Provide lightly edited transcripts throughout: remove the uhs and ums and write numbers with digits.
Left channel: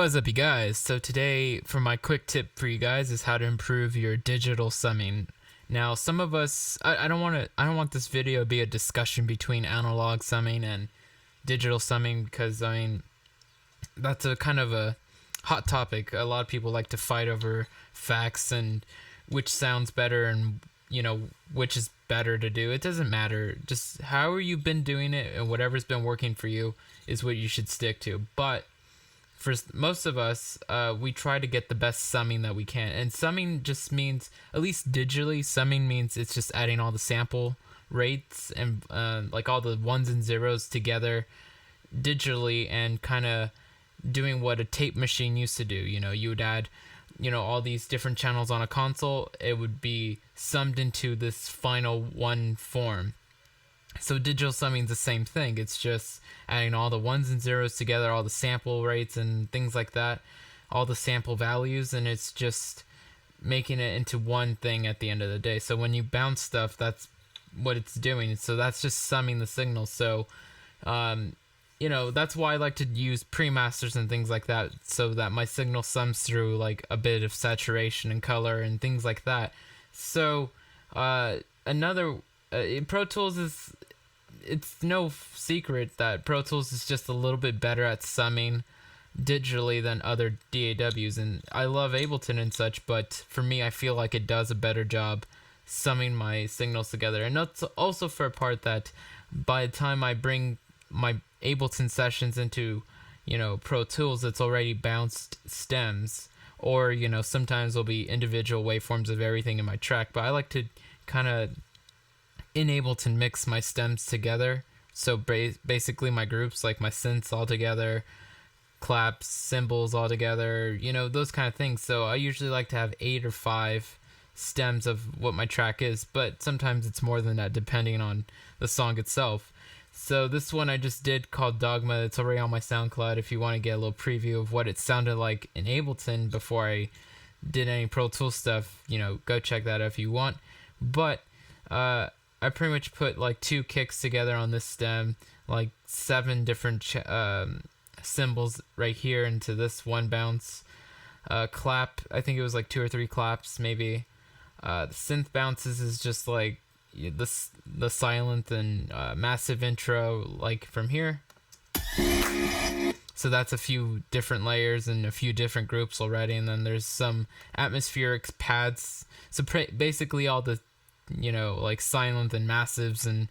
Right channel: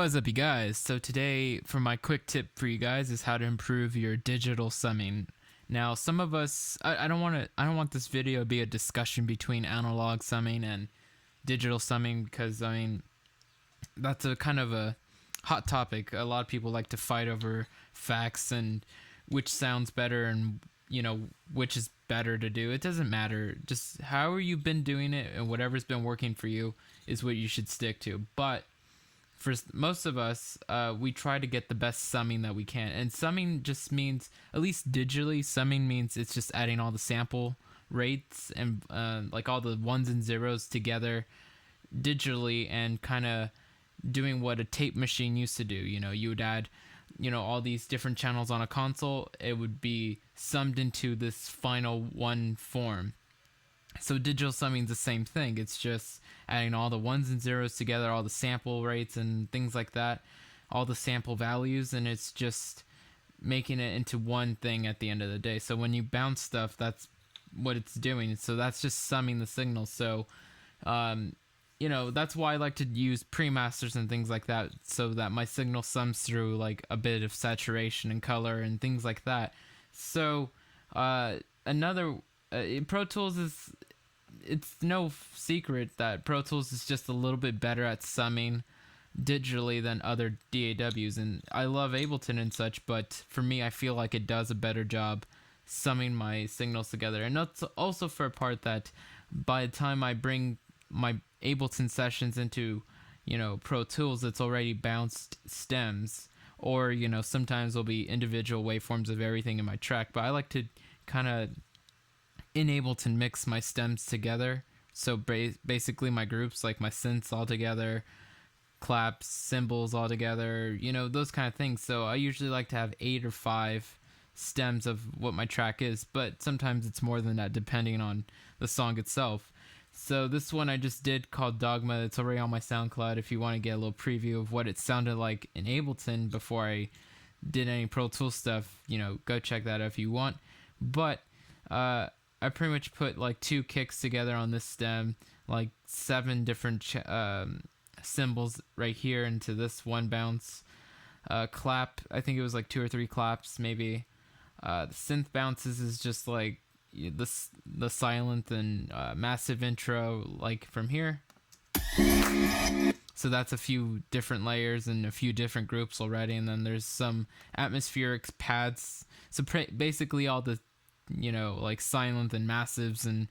What's up, you guys? So today, for my quick tip for you guys, is how to improve your digital summing. Now, some of us, I don't want this video to be a discussion between analog summing and digital summing, because that's a kind of a hot topic. A lot of people like to fight over facts and which sounds better and which is better to do. It doesn't matter. Just however you've been doing it and whatever's been working for you is what you should stick to. But for most of us, we try to get the best summing that we can. And summing just means, at least digitally, summing means it's just adding all the sample rates and like all the ones and zeros together digitally, and kind of doing what a tape machine used to do. You would add all these different channels on a console. It would be summed into this final one form. So digital summing is the same thing. It's just adding all the ones and zeros together, all the sample rates and things like that, all the sample values, and it's just making it into one thing at the end of the day. So when you bounce stuff, that's what it's doing. So that's just summing the signal. So that's why I like to use pre-masters and things like that, so that my signal sums through like a bit of saturation and color and things like that. So Pro Tools it's no secret that Pro Tools is just a little bit better at summing digitally than other DAWs, and I love Ableton and such, but for me, I feel like it does a better job summing my signals together. And that's also for a part that by the time I bring my Ableton sessions into Pro Tools, it's already bounced stems, or sometimes there'll be individual waveforms of everything in my track, but I like to kind of in Ableton mix my stems together. So basically my groups, like my synths all together, claps, cymbals all together, those kind of things. So I usually like to have 8 or 5 stems of what my track is, but sometimes it's more than that depending on the song itself. So this one I just did, called Dogma. It's already on my SoundCloud if you want to get a little preview of what it sounded like in Ableton before I did any Pro Tools stuff. Go check that out if you want. But I pretty much put like 2 kicks together on this stem, like 7 different cymbals right here into this one bounce. Clap, I think it was like 2 or 3 claps maybe. The synth bounces is just like the silent and massive intro, like from here. So that's a few different layers and a few different groups already, and then there's some atmospheric pads. So basically all the like silent and massives and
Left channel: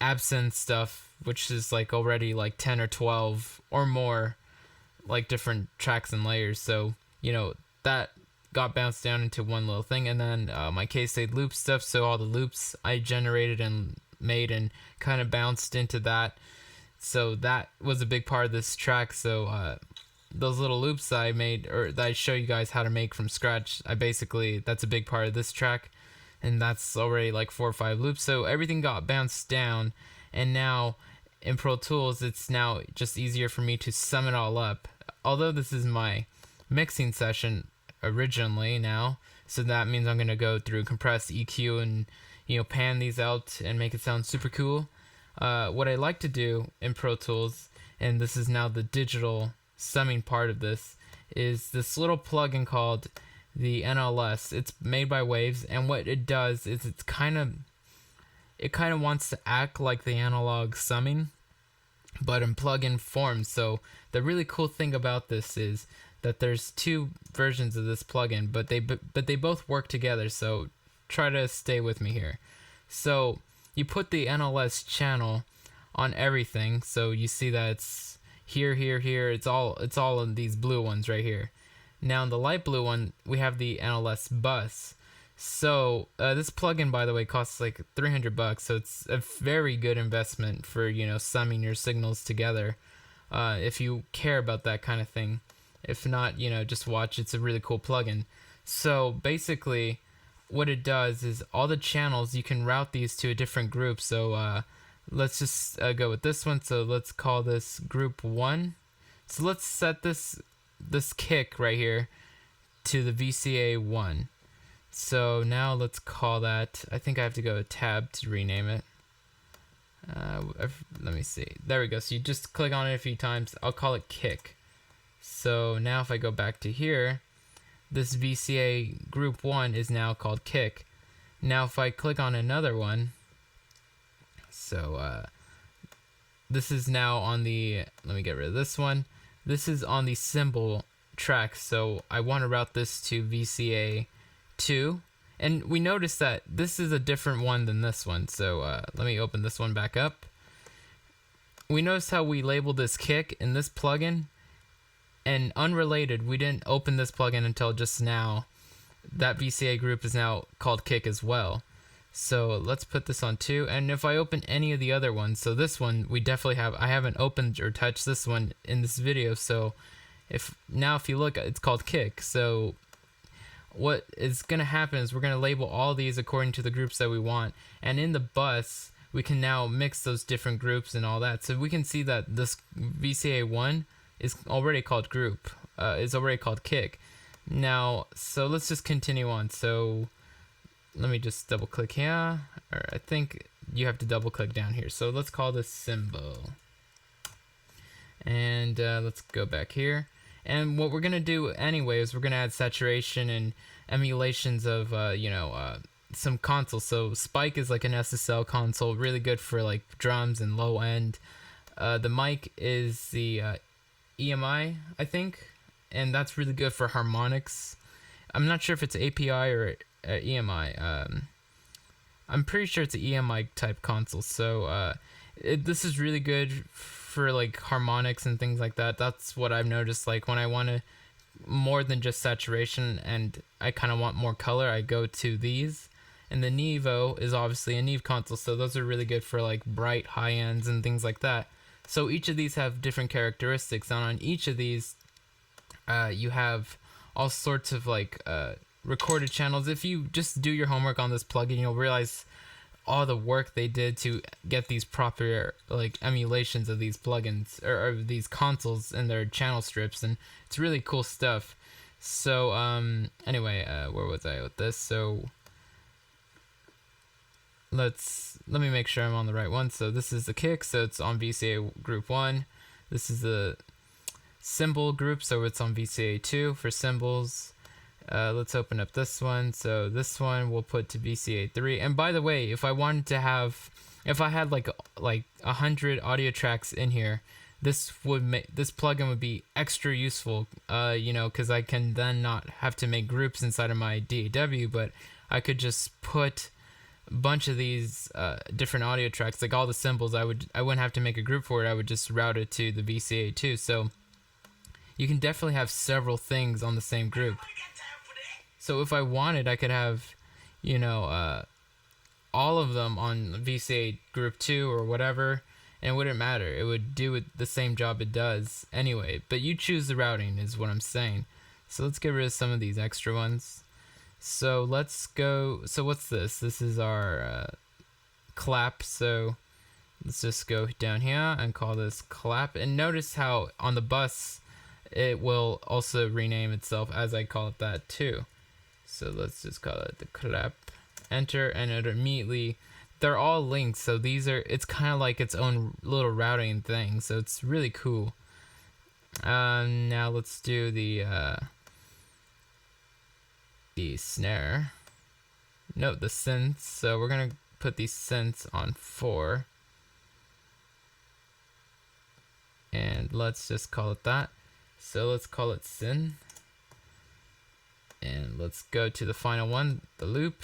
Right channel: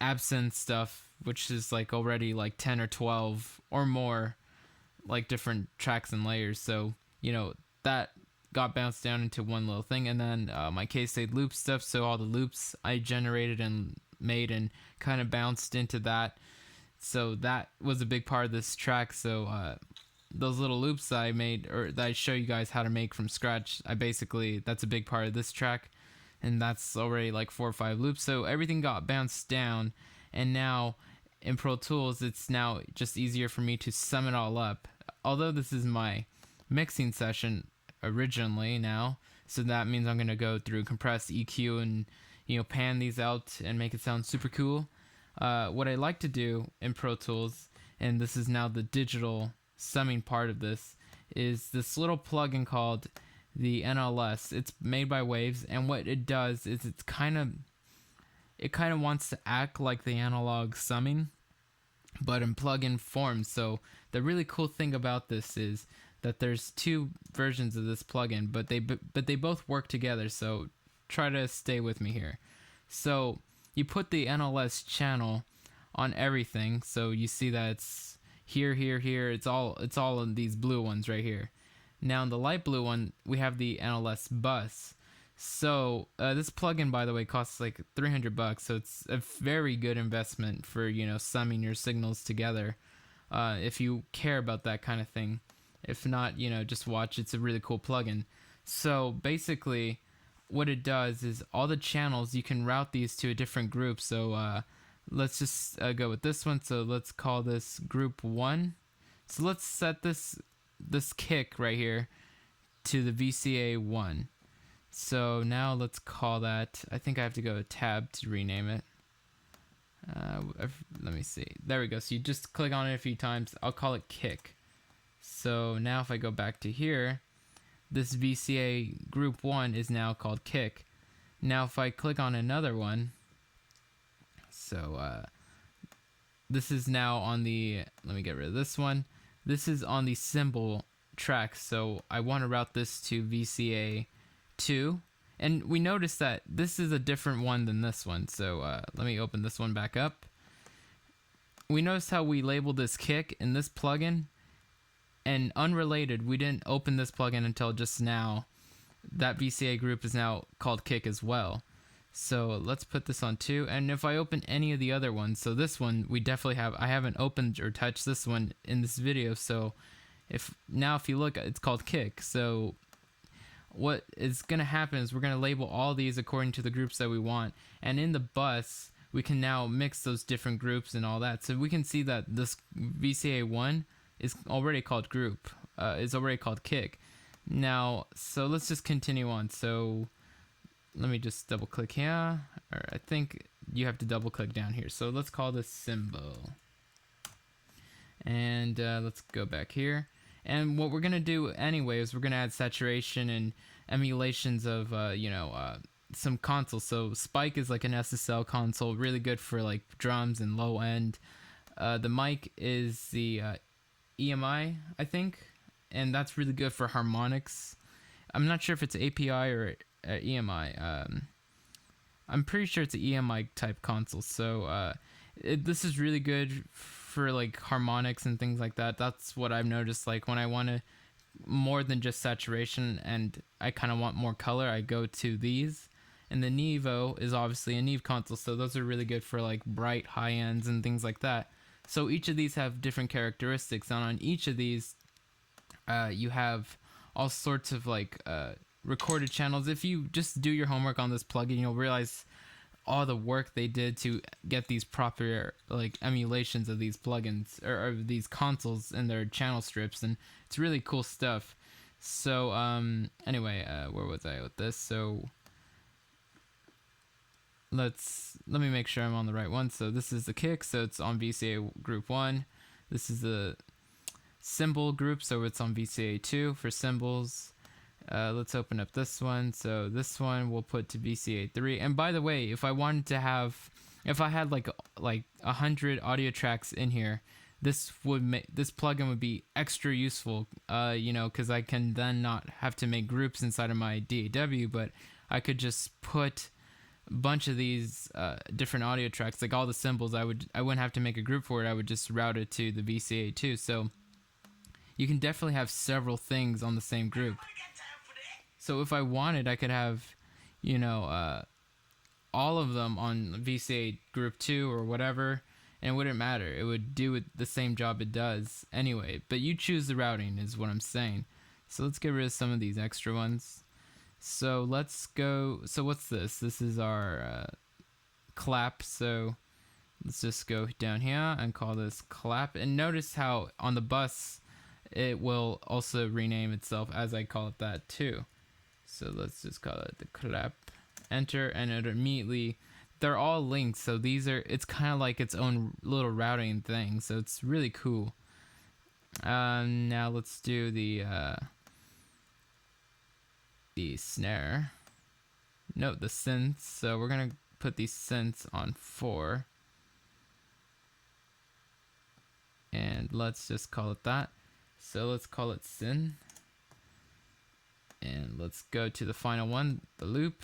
absent stuff, which is like already like 10 or 12 or more like different tracks and layers. So that got bounced down into one little thing. And then my K-State loop stuff, so all the loops I generated and made and kind of bounced into that. So that was a big part of this track. So those little loops that I made, or that I show you guys how to make from scratch, that's a big part of this track. And that's already like 4 or 5 loops. So everything got bounced down, and now in Pro Tools it's now just easier for me to sum it all up. Although this is my mixing session originally now, so that means I'm going to go through compress, EQ, and pan these out and make it sound super cool. What I like to do in Pro Tools, and this is now the digital summing part of this, is this little plugin called the NLS. It's made by Waves, and what it does is it kind of wants to act like the analog summing, but in plugin form. So the really cool thing about this is that there's 2 versions of this plugin, but they both work together. So try to stay with me here. So you put the NLS channel on everything, so you see that it's here. It's all in these blue ones right here. Now in the light blue one, we have the NLS bus. So this plugin, by the way, costs like $300, so it's a very good investment for summing your signals together, if you care about that kind of thing. If not, just watch. It's a really cool plugin. So basically, what it does is all the channels, you can route these to a different group. So let's just go with this one. So let's call this group 1. So let's set this kick right here to the VCA 1. So now let's call that, I think I have to go to tab to rename it. Let me see. There we go. So you just click on it a few times. I'll call it kick. So now if I go back to here, this VCA group 1 is now called kick. Now if I click on another one, so this is now on the, let me get rid of this one. This is on the cymbal track, so I want to route this to VCA 2. And we notice that this is a different one than this one, so let me open this one back up. We noticed how we labeled this kick in this plugin, and unrelated, we didn't open this plugin until just now. That VCA group is now called kick as well. So let's put this on 2, and if I open any of the other ones, so this one we definitely have, I haven't opened or touched this one in this video, so if you look, it's called kick. So what is going to happen is we're going to label all these according to the groups that we want, and in the bus we can now mix those different groups and all that. So we can see that this VCA1 is already called group, is already called kick. Now, so let's just continue on. So let me just double click here, or I think you have to double click down here. So let's call this cymbal, and let's go back here. And what we're gonna do anyway is we're gonna add saturation and emulations of some consoles. So Spike is like an SSL console, really good for like drums and low end. The mic is the EMI, I think, and that's really good for harmonics. I'm not sure if it's API or EMI. I'm pretty sure it's an EMI type console. So this is really good for like harmonics and things like that. That's what I've noticed. Like when I want to more than just saturation and I kind of want more color, I go to these. And the Nevo is obviously a Neve console, so those are really good for like bright high ends and things like that. So each of these have different characteristics, and on each of these you have all sorts of like recorded channels. If you just do your homework on this plugin, you'll realize all the work they did to get these proper like emulations of these plugins or these consoles and their channel strips, and it's really cool stuff. So anyway, where was I with this? So let me make sure I'm on the right one. So this is the kick, so it's on VCA group 1. This is the cymbal group, so it's on VCA 2 for cymbals. Let's open up this one. So this one we'll put to VCA 3. And by the way, if I wanted to have, if I had like 100 audio tracks in here, this plugin would be extra useful, because I can then not have to make groups inside of my DAW, but I could just put a bunch of these different audio tracks, like all the cymbals. I wouldn't have to make a group for it. I would just route it to the VCA 2. So you can definitely have several things on the same group. So if I wanted, I could have, all of them on VCA group 2 or whatever, and it wouldn't matter. It would do the same job it does anyway. But you choose the routing is what I'm saying. So let's get rid of some of these extra ones. So let's go. So what's this? This is our clap. So let's just go down here and call this clap. And notice how on the bus it will also rename itself as I call it that too. So let's just call it the clap. Enter, and it immediately, they're all linked. So it's kind of like its own little routing thing. So it's really cool. Now let's do the snare. Note the synths. So we're gonna put these synths on 4, and let's just call it that. So let's call it syn, and let's go to the final one, the loop,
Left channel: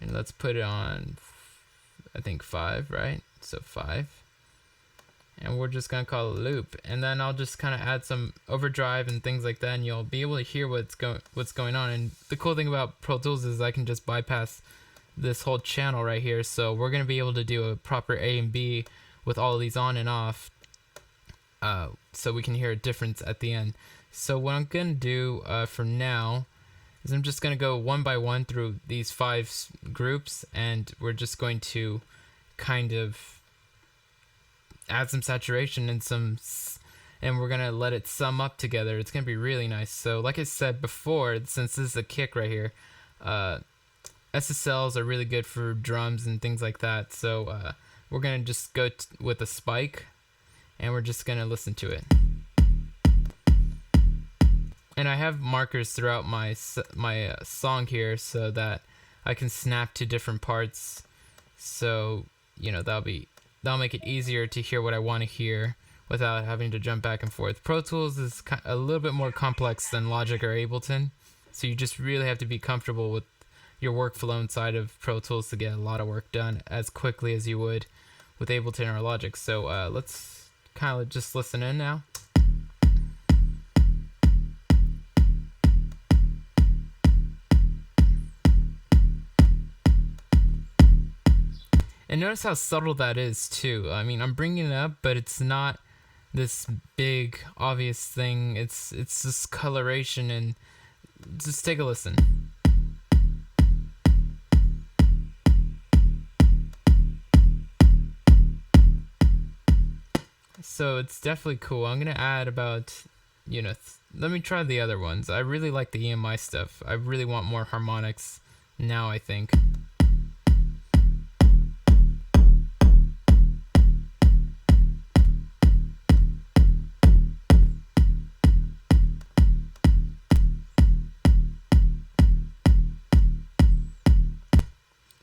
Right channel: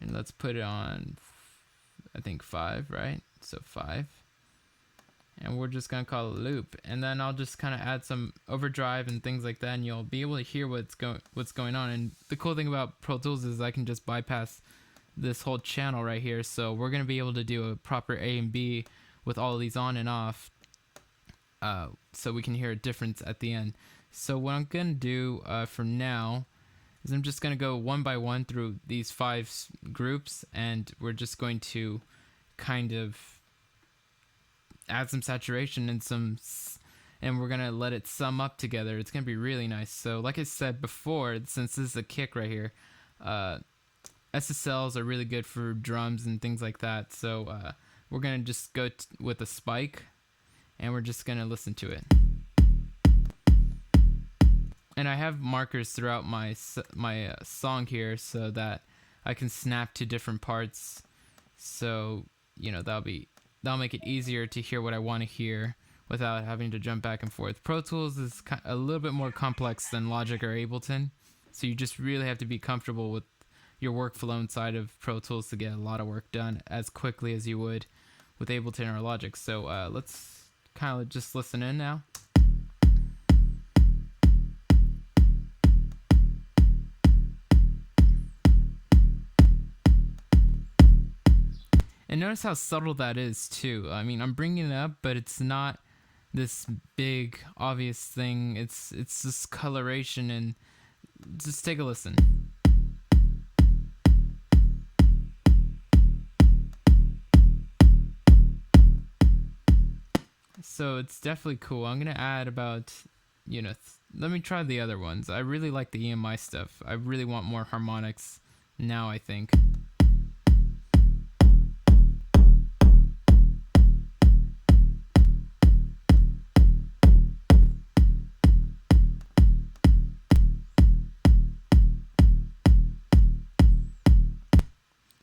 and let's put it on, I think 5, right? So 5, and we're just gonna call it loop, and then I'll just kind of add some overdrive and things like that, and you'll be able to hear what's going on. And the cool thing about Pro Tools is I can just bypass this whole channel right here, so we're gonna be able to do a proper A and B with all of these on and off, so we can hear a difference at the end. So what I'm gonna do for now is I'm just gonna go one by one through these 5 groups, and we're just going to kind of add some saturation and we're gonna let it sum up together. It's gonna be really nice. So like I said before, since this is a kick right here, SSLs are really good for drums and things like that. So we're gonna just go with a spike, and we're just gonna listen to it. And I have markers throughout my song here so that I can snap to different parts. So that'll make it easier to hear what I want to hear without having to jump back and forth. Pro Tools is a little bit more complex than Logic or Ableton, so you just really have to be comfortable with your workflow inside of Pro Tools to get a lot of work done as quickly as you would with Ableton or Logic. So let's kind of just listen in now. And notice how subtle that is too. I mean, I'm bringing it up, but it's not this big obvious thing. It's this coloration, and just take a listen. So it's definitely cool. I'm gonna add about, let me try the other ones. I really like the EMI stuff. I really want more harmonics now, I think.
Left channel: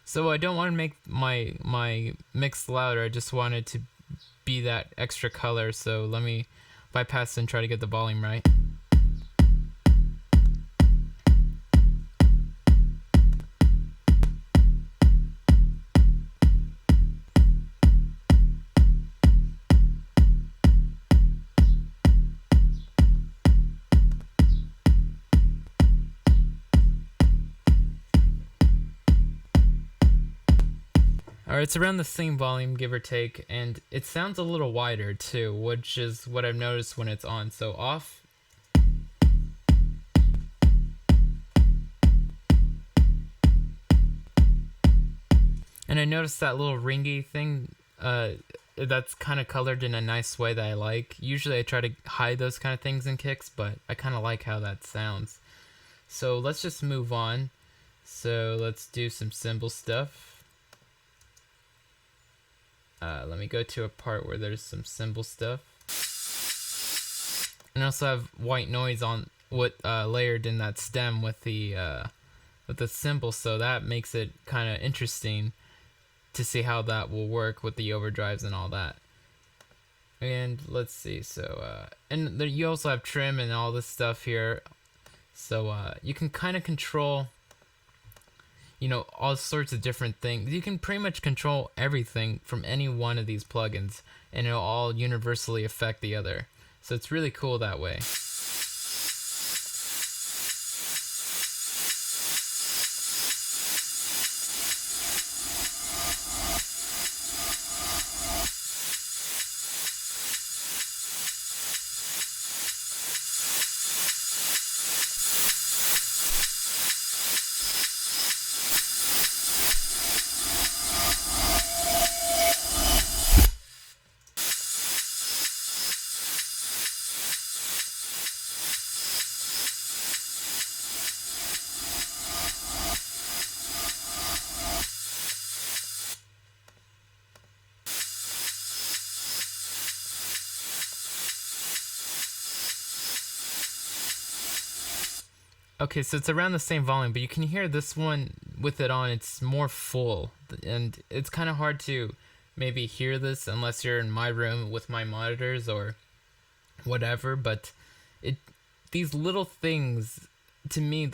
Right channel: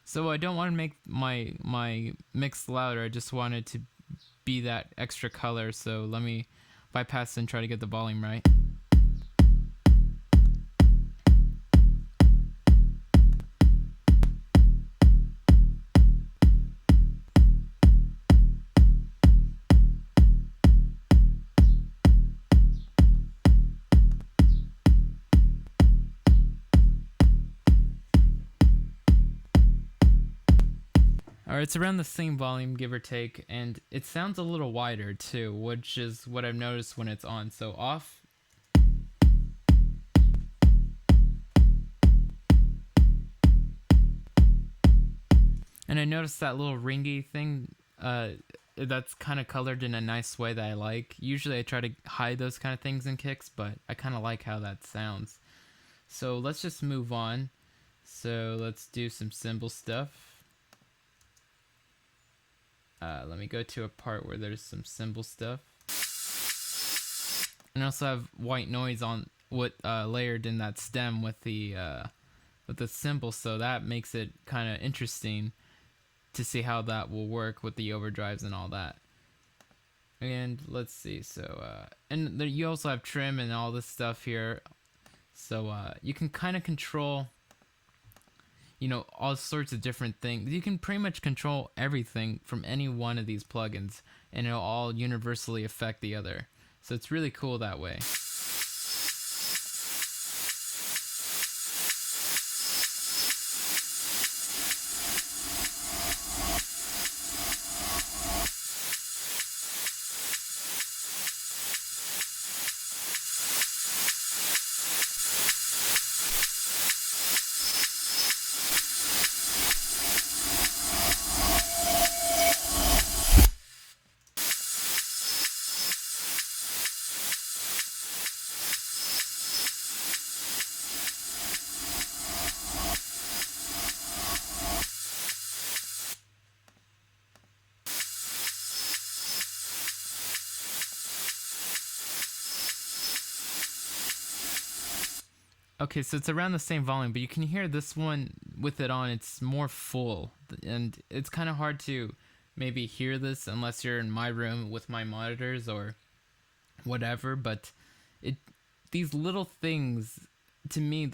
So I don't want to make my mix louder. I just want it to be that extra color. So let me bypass and try to get the volume right. Alright, it's around the same volume, give or take, and it sounds a little wider too, which is what I've noticed when it's on. So off. And I noticed that little ringy thing, that's kind of colored in a nice way that I like. Usually I try to hide those kind of things in kicks, but I kind of like how that sounds. So let's just move on. So let's do some cymbal stuff. Let me go to a part where there's some cymbal stuff. And I also have white noise on layered in that stem with the cymbal, so that makes it kind of interesting to see how that will work with the overdrives and all that. And let's see, so and there, you also have trim and all this stuff here, so you can kind of control all sorts of different things. You can pretty much control everything from any one of these plugins, and it'll all universally affect the other. So it's really cool that way. Okay, so it's around the same volume, but you can hear this one with it on, it's more full, and it's kind of hard to maybe hear this unless you're in my room with my monitors or whatever, but these little things, to me,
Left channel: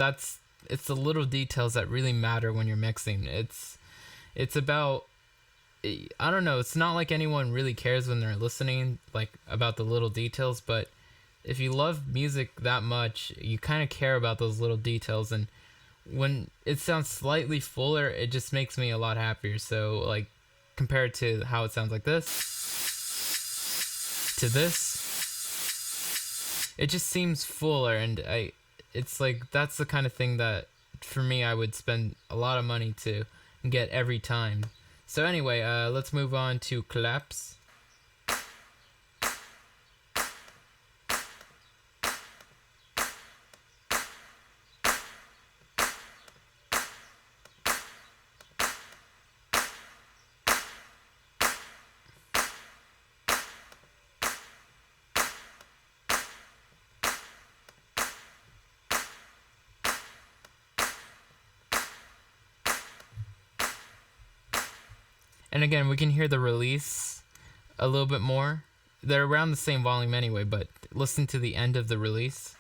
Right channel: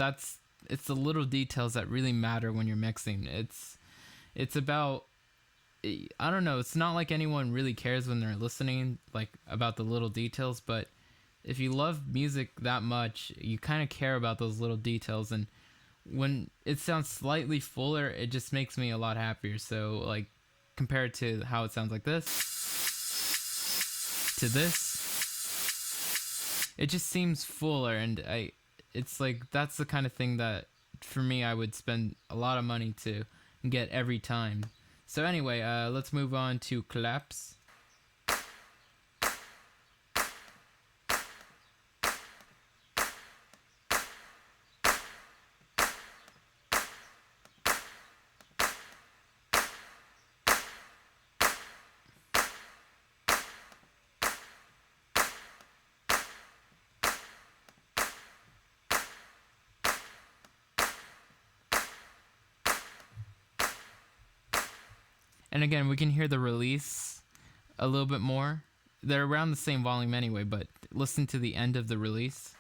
it's the little details that really matter when you're mixing. It's about, I don't know, it's not like anyone really cares when they're listening, like, about the little details, but if you love music that much, you kind of care about those little details, and when it sounds slightly fuller, it just makes me a lot happier. So, like, compared to how it sounds like this to this, it just seems fuller, and it's like, that's the kind of thing that for me I would spend a lot of money to get every time. So anyway, let's move on to claps. And again, we can hear the release a little bit more. They're around the same volume anyway, but listen to the end of the release.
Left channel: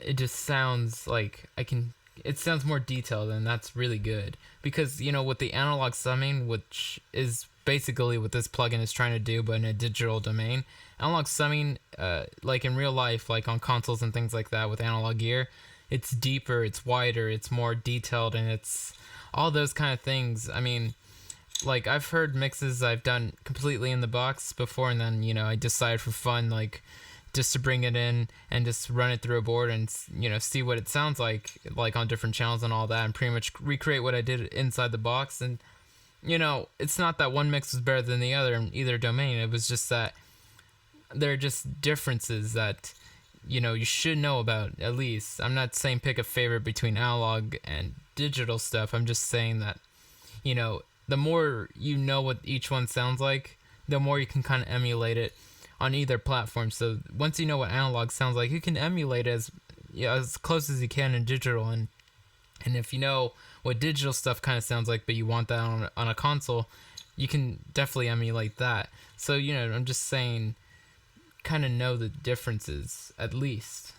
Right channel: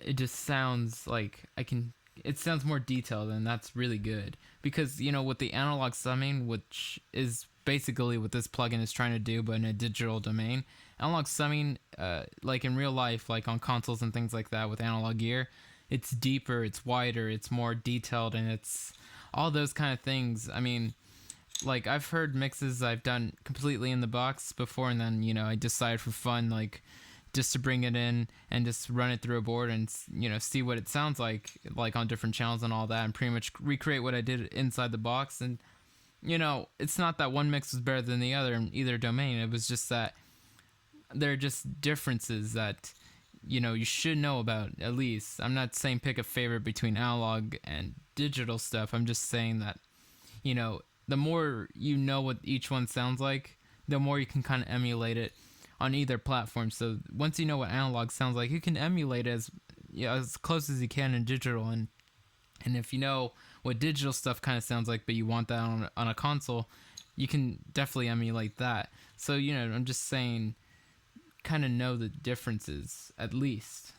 It just sounds like it sounds more detailed, and that's really good. Because, with the analog summing, which is basically what this plugin is trying to do, but in a digital domain, analog summing, like in real life, like on consoles and things like that with analog gear, it's deeper, it's wider, it's more detailed, and it's all those kind of things. I mean, like, I've heard mixes I've done completely in the box before, and then, I decided for fun, like, just to bring it in and just run it through a board and, see what it sounds like on different channels and all that, and pretty much recreate what I did inside the box. And, it's not that one mix was better than the other in either domain. It was just that there are just differences that, you should know about, at least. I'm not saying pick a favorite between analog and digital stuff. I'm just saying that, the more you know what each one sounds like, the more you can kind of emulate it on either platform. So once you know what analog sounds like, you can emulate it as close as you can in digital. And if you know what digital stuff kind of sounds like, but you want that on a console, you can definitely emulate that. So, I'm just saying, kind of know the differences, at least.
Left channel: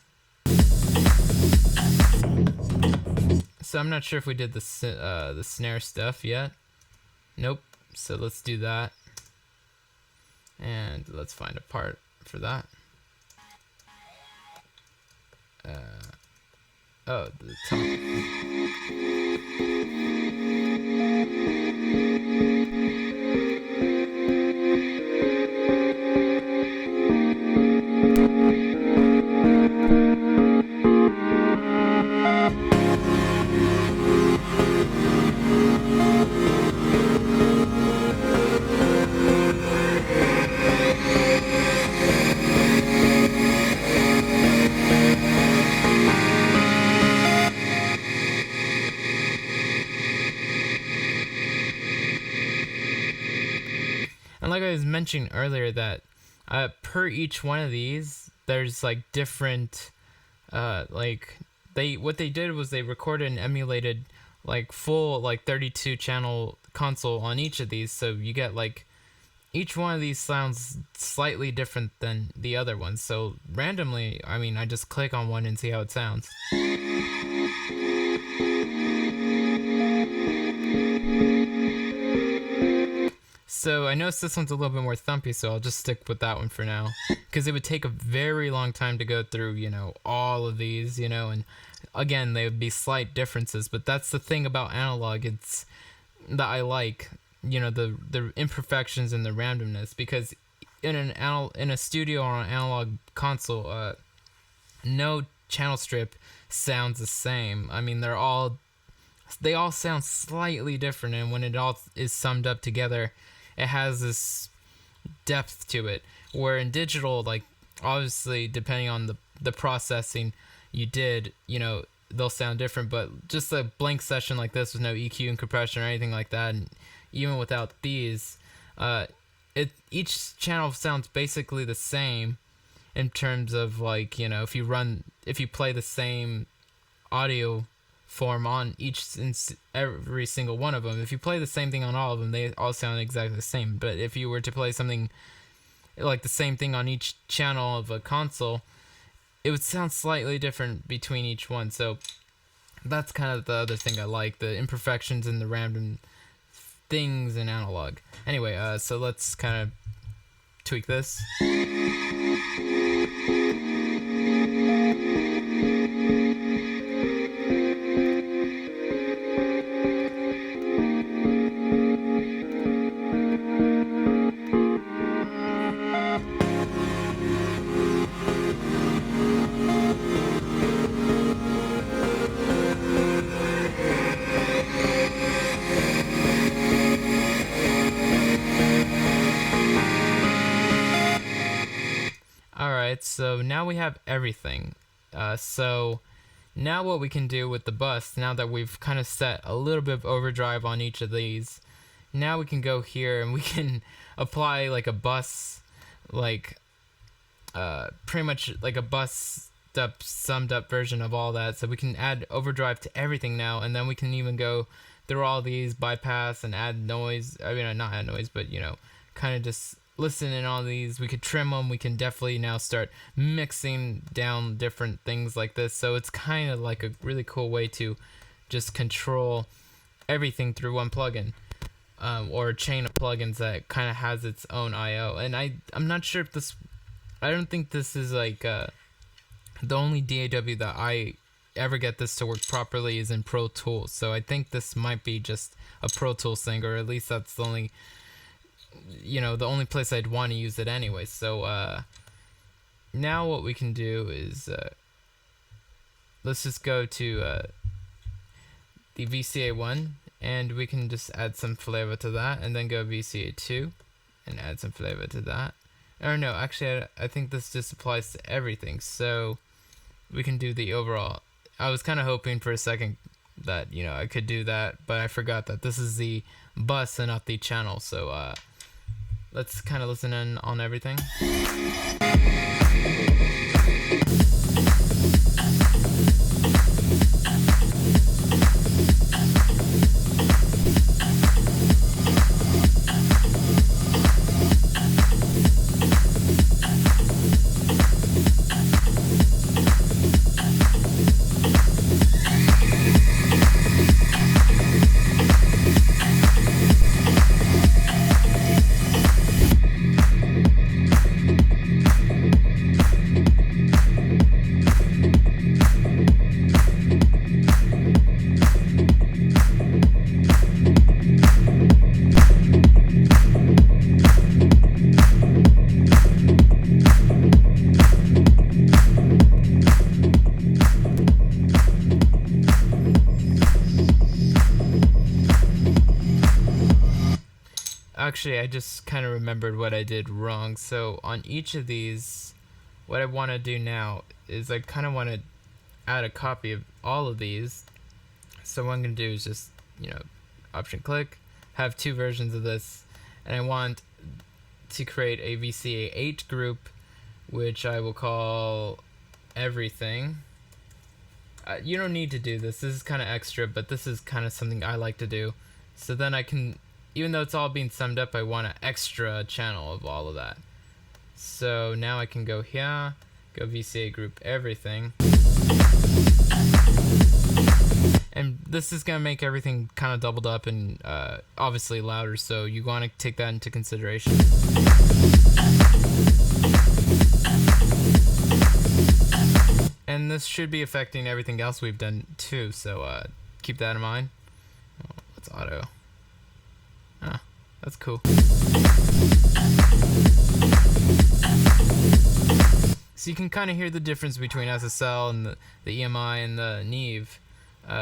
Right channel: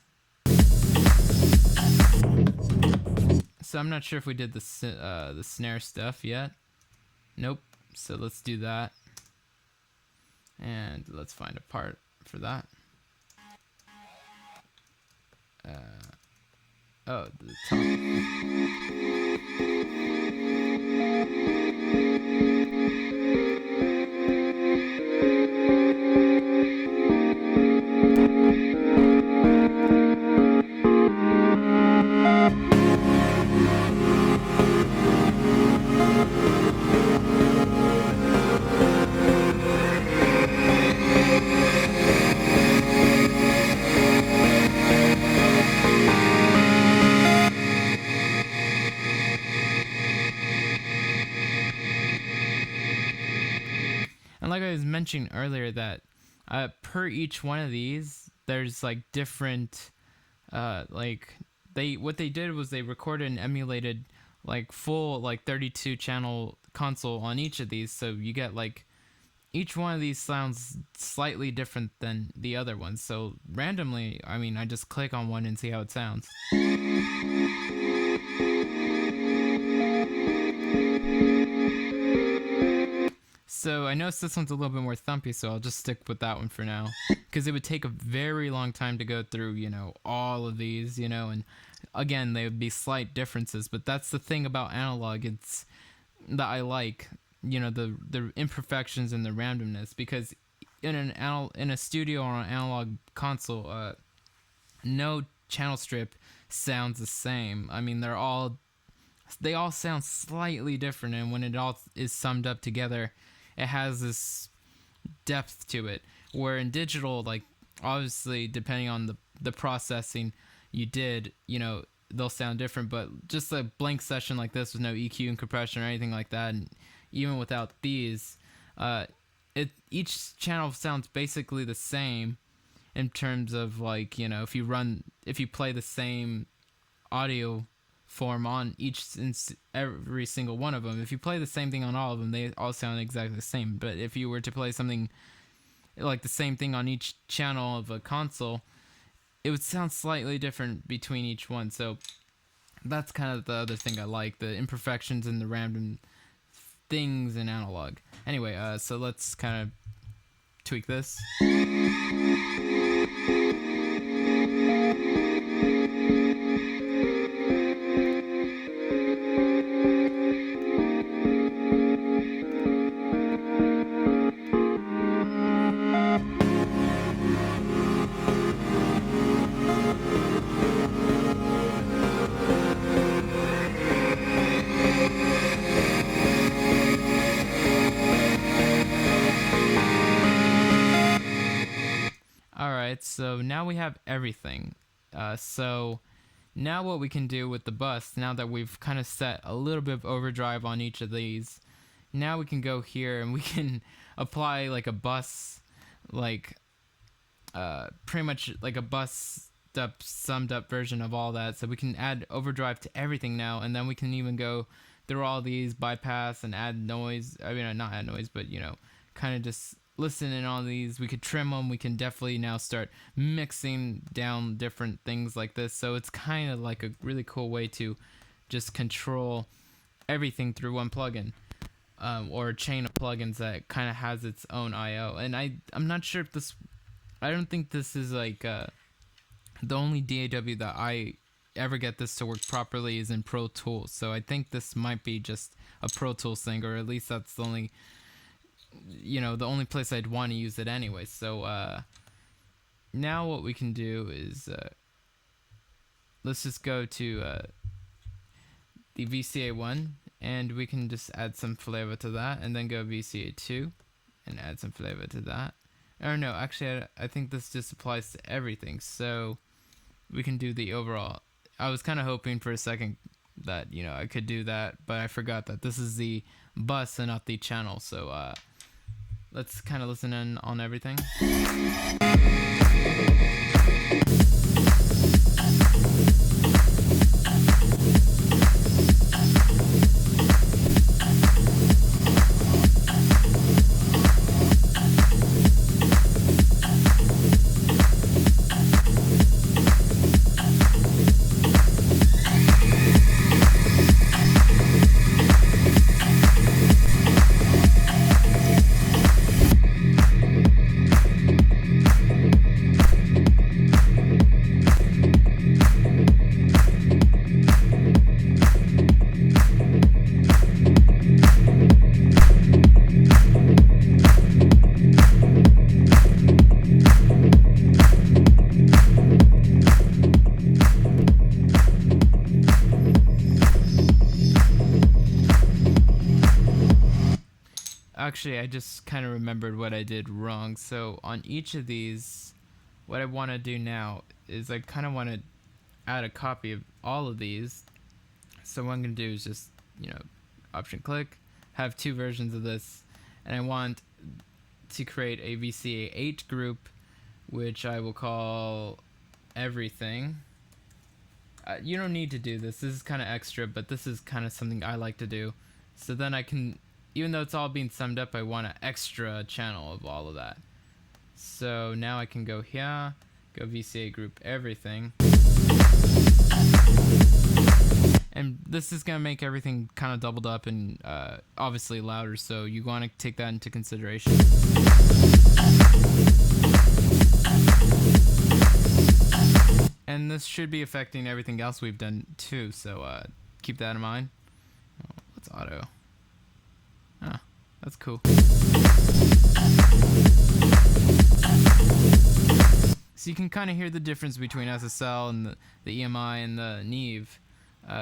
So I'm not sure if we did the snare stuff yet. Nope. So let's do that. And let's find a part for that. The top. And like I was mentioning earlier, that per each one of these, there's like different, what they did was they recorded and emulated like full 32 channel console on each of these, so you get like each one of these sounds slightly different than the other ones. So randomly, I just click on one and see how it sounds. So I noticed this one's a little bit more thumpy, so I'll just stick with that one for now, because it would take a very long time to go through, all of these, and again, they would be slight differences. But that's the thing about analog, it's that I like, the imperfections and the randomness, because in a studio or an analog console, no channel strip sounds the same. They all sound slightly different, and when it all is summed up together, it has this depth to it. Where in digital, obviously depending on the processing you did, they'll sound different. But just a blank session like this with no EQ and compression or anything like that, and even without these, each channel sounds basically the same in terms of if you play the same audio form on every single one of them. If you play the same thing on all of them, they all sound exactly the same. But if you were to play something like the same thing on each channel of a console, it would sound slightly different between each one. So that's kind of the other thing I like, the imperfections and the random things in analog. Anyway, so let's kind of tweak this. So now we have everything. So now what we can do with the bus, now that we've kind of set a little bit of overdrive on each of these, now we can go here and we can apply like a bus, pretty much like a bust up, summed up version of all that. So we can add overdrive to everything now, and then we can even go through all these, bypass and add noise. I mean, not add noise, but kind of just listen in on these. We could trim them. We can definitely now start mixing down different things like this. So it's kind of like a really cool way to just control everything through one plugin, or a chain of plugins that kind of has its own I/O. And I'm not sure if this, I don't think this is like the only DAW that I ever get this to work properly is in Pro Tools. So I think this might be just a Pro Tools thing, or at least that's the only, the only place I'd want to use it anyway. So now what we can do is let's just go to the VCA1, and we can just add some flavor to that, and then go VCA2 and add some flavor to that. Or no, actually I think this just applies to everything. So we can do the overall. I was kind of hoping for a second that I could do that, but I forgot that this is the bus and not the channel. So let's kind of listen in on everything. Actually, I just kind of remembered what I did wrong. So on each of these, what I want to do now is I kind of want to add a copy of all of these. So what I'm going to do is just, option click, have two versions of this, and I want to create a VCA8 group, which I will call everything. You don't need to do this. This is kind of extra, but this is kind of something I like to do. So then I can, even though it's all being summed up, I want an extra channel of all of that. So now I can go here, go VCA group everything. And this is going to make everything kind of doubled up and obviously louder, so you want to take that into consideration. And this should be affecting everything else we've done too, so keep that in mind. Oh, let's auto. Ah, that's cool. So you can kind of hear the difference between SSL and the EMI and the Neve.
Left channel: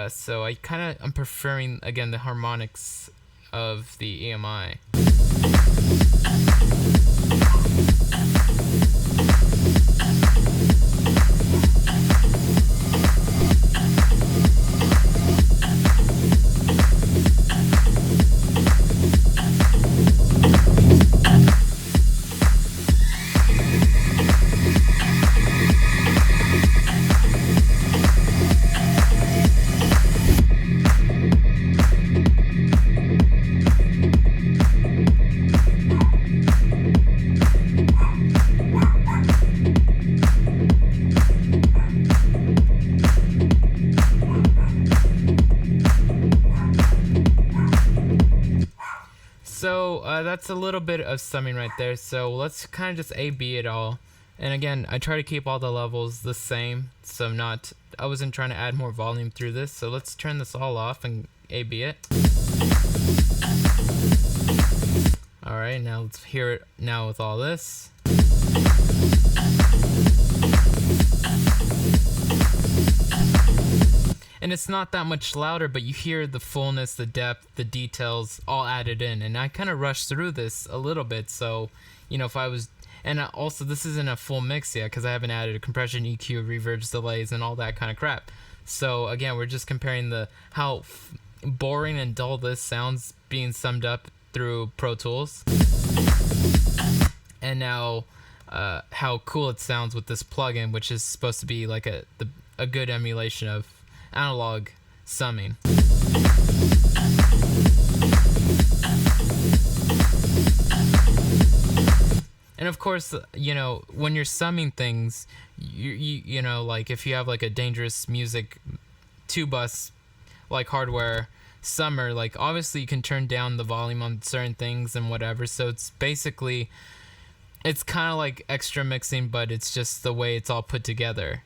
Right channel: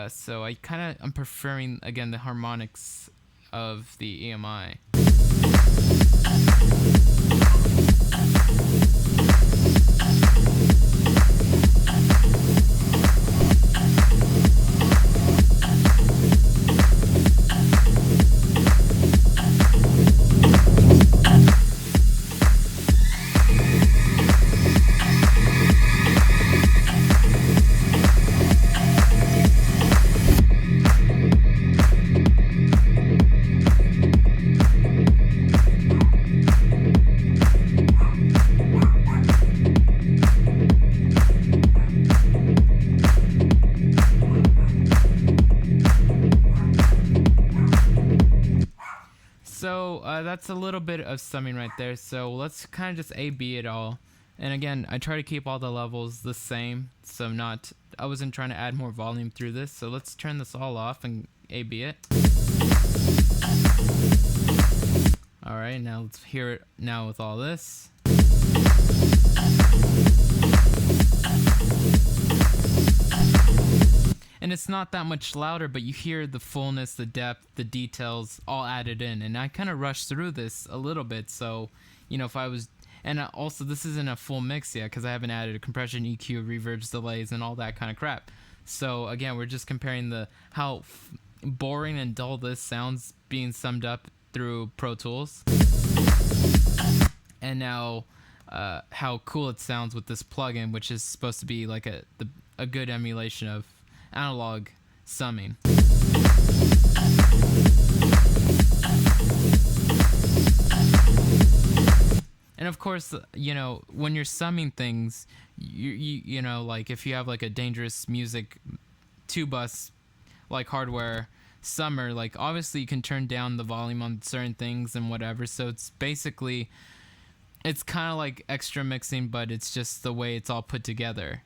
So I'm preferring, again, the harmonics of the EMI. So that's a little bit of summing right there. So let's kind of just A/B it all. And again, I try to keep all the levels the same. So I wasn't trying to add more volume through this. So let's turn this all off and A/B it. Alright, now let's hear it now with all this. And it's not that much louder, but you hear the fullness, the depth, the details all added in. And I kind of rushed through this a little bit, so, if I was... And also, this isn't a full mix yet, because I haven't added a compression, EQ, reverbs, delays, and all that kind of crap. So, again, we're just comparing how boring and dull this sounds being summed up through Pro Tools. And now how cool it sounds with this plugin, which is supposed to be like a good emulation of analog summing. And of course, you know, when you're summing things, you know, like if you have like a dangerous music 2-bus like hardware summer, like obviously you can turn down the volume on certain things and whatever. So it's basically, it's kind of like extra mixing, but it's just the way it's all put together.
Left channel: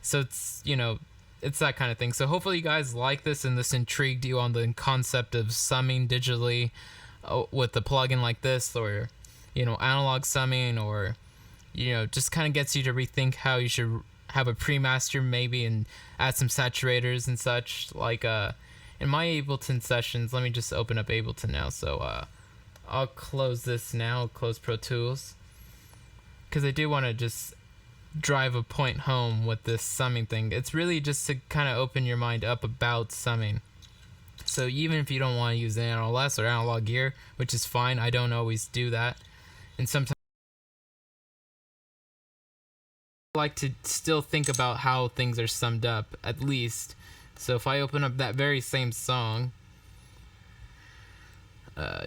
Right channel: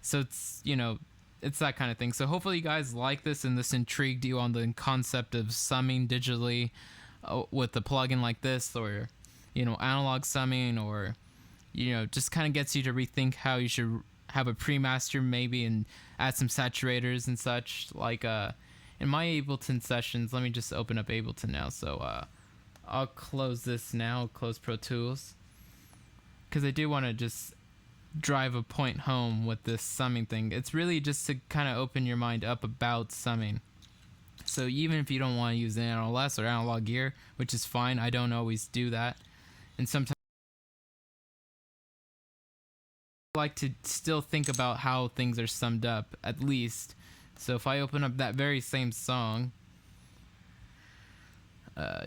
So it's, you know, it's that kind of thing. So hopefully you guys like this and this intrigued you on the concept of summing digitally with a plugin like this, or, you know, analog summing, or, you know, just kind of gets you to rethink how you should have a pre-master maybe and add some saturators and such. Like in my Ableton sessions, let me just open up Ableton now. So I'll close this now, close Pro Tools, because I do want to just drive a point home with this summing thing. It's really just to kind of open your mind up about summing. So even if you don't want to use the NLS or analog gear, which is fine, I don't always do that, and sometimes I like to still think about how things are summed up, at least. So if I open up that very same song,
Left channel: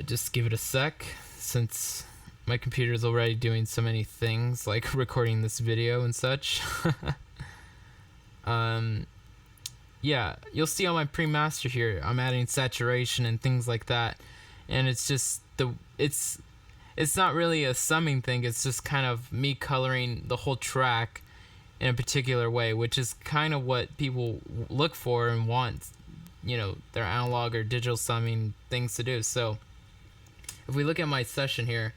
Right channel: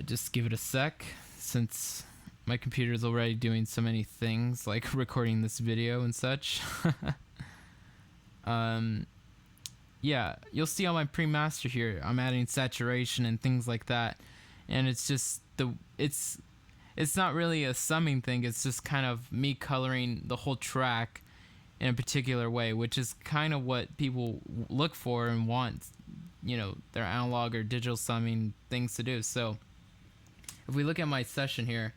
just give it a sec, since my computer is already doing so many things, like recording this video and such. Yeah, you'll see on my pre-master here, I'm adding saturation and things like that, and it's just it's not really a summing thing. It's just kind of me coloring the whole track in a particular way, which is kind of what people look for and want, you know, their analog or digital summing things to do. So if we look at my session here,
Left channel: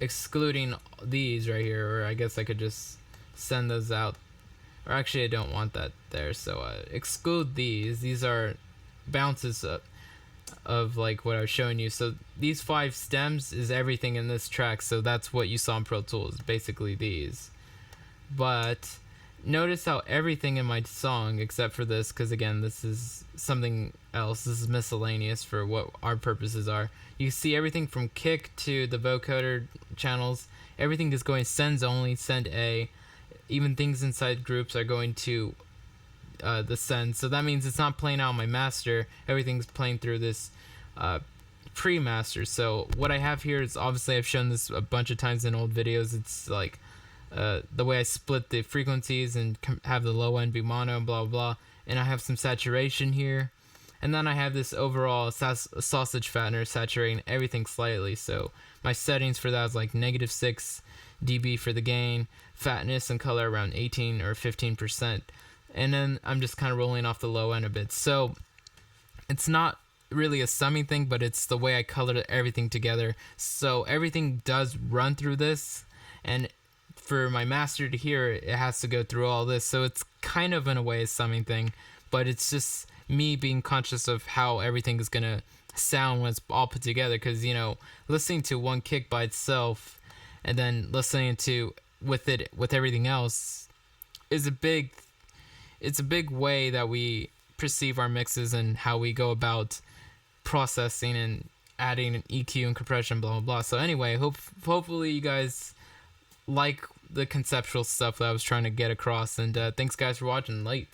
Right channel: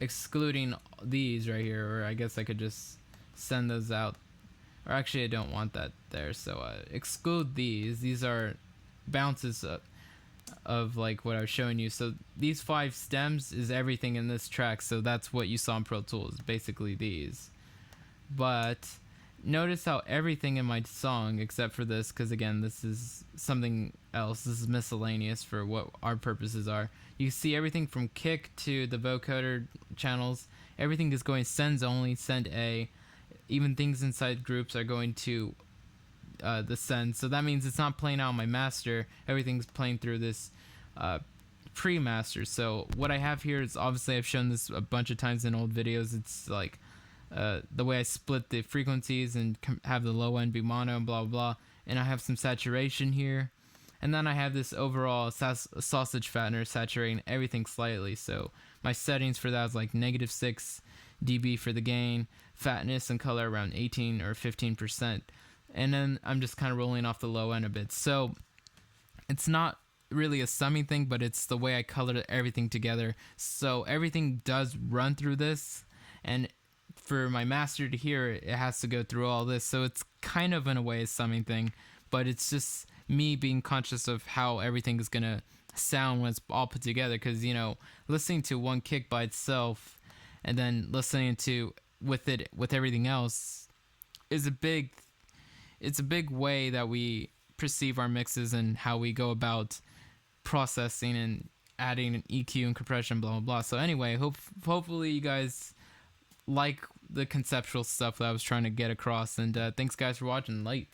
excluding these right here, or I guess I could just send those out, or actually I don't want that there, so exclude these are bounces of like what I was showing you. So these 5 stems is everything in this track, so that's what you saw in Pro Tools, basically these. But notice how everything in my song, except for this, because again this is something else, this is miscellaneous for what our purposes are, you see everything from kick to the vocoder channels, everything is going sends only, send A. Even things inside groups are going to the send. So that means it's not playing out on my master, everything's playing through this pre-master. So what I have here is, obviously I've shown this a bunch of times in old videos, it's like the way I split the frequencies and have the low end be mono, blah blah, and I have some saturation here, and then I have this overall sausage fattener saturating everything slightly. So my settings for that is like -6 dB for the gain, fatness and color around 18 or 15%, and then I'm just kind of rolling off the low end a bit. So it's not really a summing thing, but it's the way I colored everything together. So everything does run through this, and for my master to hear it, it has to go through all this. So it's kind of in a way a summing thing, but it's just me being conscious of how everything is gonna sound when it's all put together. Because, you know, listening to one kick by itself and then listening to with everything else is a big way that we perceive our mixes and how we go about processing and adding an EQ and compression, blah blah blah. So anyway, hopefully you guys like the conceptual stuff that I was trying to get across, and thanks guys for watching. Late.